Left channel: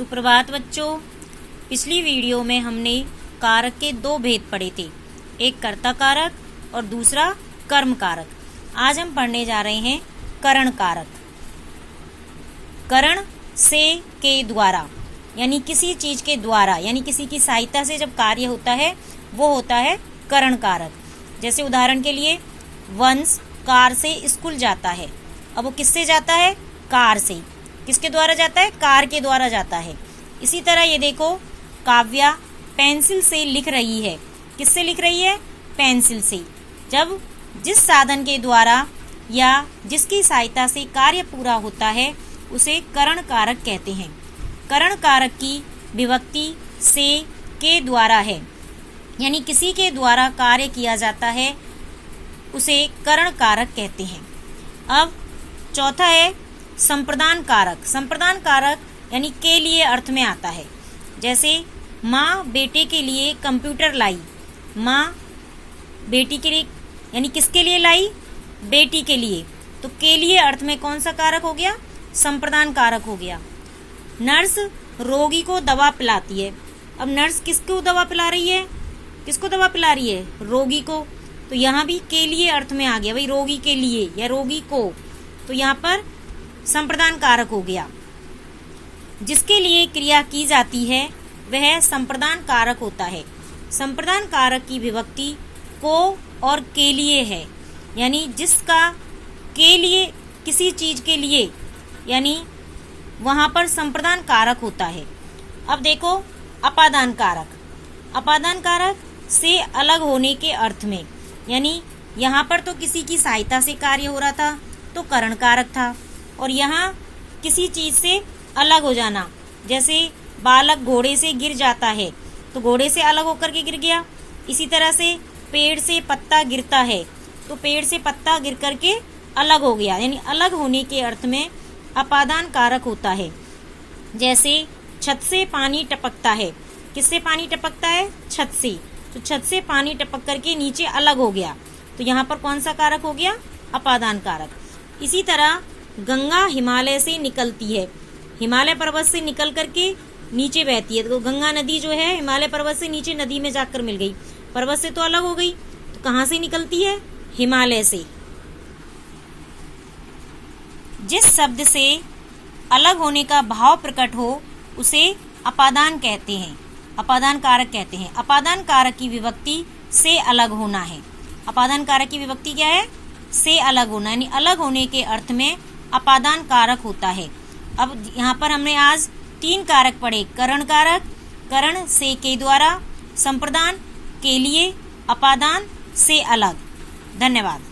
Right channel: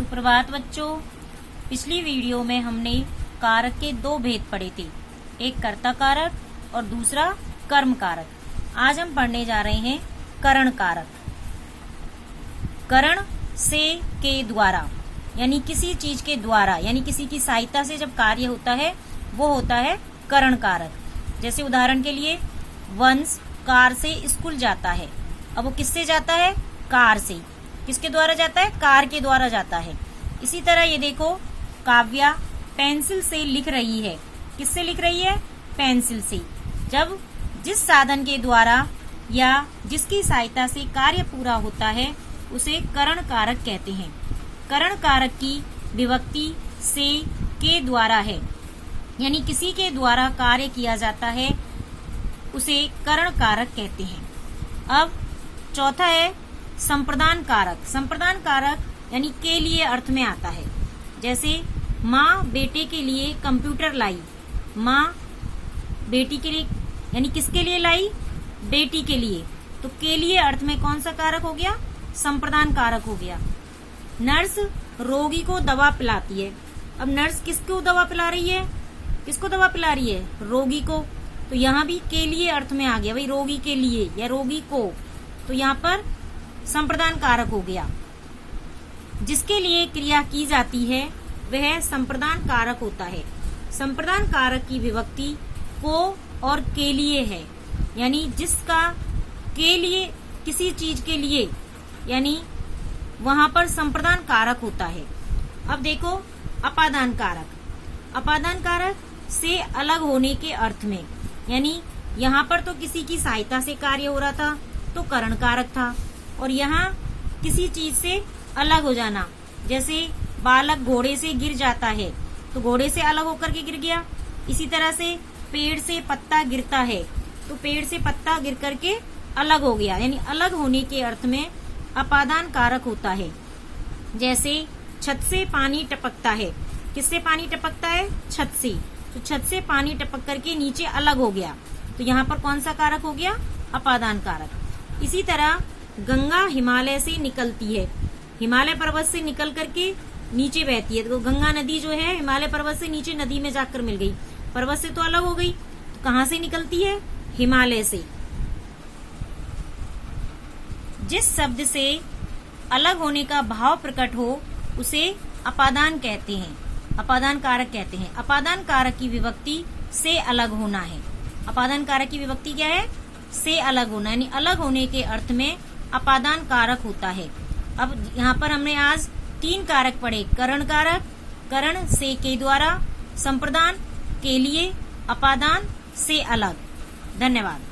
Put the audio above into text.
सुप्रभात बच्चों। पिछली वीडियो में हमने कारक के दो भेद पढ़े थे, एक कर्ता कारक और दूसरा कर्म कारक। आज हम पढ़ने जा रहे हैं करण कारक। करण से के द्वारा यानी किसी चीज के द्वारा यानी किसी की सहायता से जब कार्य होता है वो होता है करण कारक। जैसे उदाहरण के लिए वंश कार से स्कूल जाता है। अब वो किससे जाता है? कार से। किसके द्वारा जाता है? कार के द्वारा जाता है। इसी तरह ये देखो, काव्या पेंसिल से लिख रही है। किससे लिख रही है? पेंसिल से। जब जिस साधन के द्वारा या जिसकी सहायता से कार्य पूरा होता है उसे करण कारक कहते हैं। करण कारक की विभक्ति से के द्वारा है, यानी किसी के द्वारा कार्य किया जाता है उसे करण कारक कहते हैं। अब चौथा है संप्रदान कारक। संप्रदान कारक यानी के लिए अर्थ में आता है। जैसे माँ बेटे के लिए कंप्यूटर लाई। माँ बेटी के लिए यानी किसके लिए लाई? बेटी के लिए। तो के लिए अर्थ में कौन सा कारक हो गया? संप्रदान कारक हो गया। नर्स रोगी को दवा पिलाती है। अब नर्स किसको दवा पिला रही है? किसको दवा पिला रही है? रोगी को। तो यहाँ भी के लिए अर्थ में आ गया, भाई रोगी के लिए या रोगी को। तो यहाँ पर संप्रदान कारक हो गया। जिसके लिए क्रिया की जाती है वह संप्रदान कारक होता है। संप्रदान कारक की विभक्ति को और के लिए है, यानी जिसका के लिए किसी चीज के लिए, यानी वहां पर संप्रदान कारक होता है। अब देखो अपादान कारक। अपादान कारक से अलग होने के अर्थ में, यानी यहाँ पर तो किसी की सहायता से कार्य हो रहा था तो करण कारक था, और यहाँ किसी चीज से अलग हो जाना। जैसे बालक घोड़े से गिर जाता है तो घोड़े से अलग होकर के गिर गया। इसी तरह से पेड़ से पत्ता गिरता है तो पेड़ से पत्ता गिर करके अलग हो गया, यानी अलग होने के अर्थ में अपादान कारक होता है। जैसे छत से पानी टपकता है। किससे पानी टपकता है? छत से। तो छत से पानी टपक करके नीचे अलग हो गया, तो यहाँ पर कौन सा कारक हो गया? अपादान कारक। इसी तरह गंगा हिमालय से निकलती है। हिमालय पर्वत से निकल करके नीचे बहती है। तो गंगा नदी जो है हिमालय पर्वत से नीचे नदी में जाकर मिल गई, पर्वत से तो अलग हो गई। तो कहाँ से निकलती है? हिमालय से। जिस शब्द से अलग होने का भाव प्रकट हो उसे अपादान कहते हैं, अपादान कारक कहते हैं। अपादान कारक की विभक्ति से अलग होना है। अपादान कारक की विभक्ति क्या है? से अलग होना, यानी अलग होने के अर्थ में अपादान कारक होता है। अब यहाँ पर हमने आज 3 कारक पढ़े, करण कारक, करण से के द्वारा, संप्रदान के लिए, अपादान से अलग। धन्यवाद।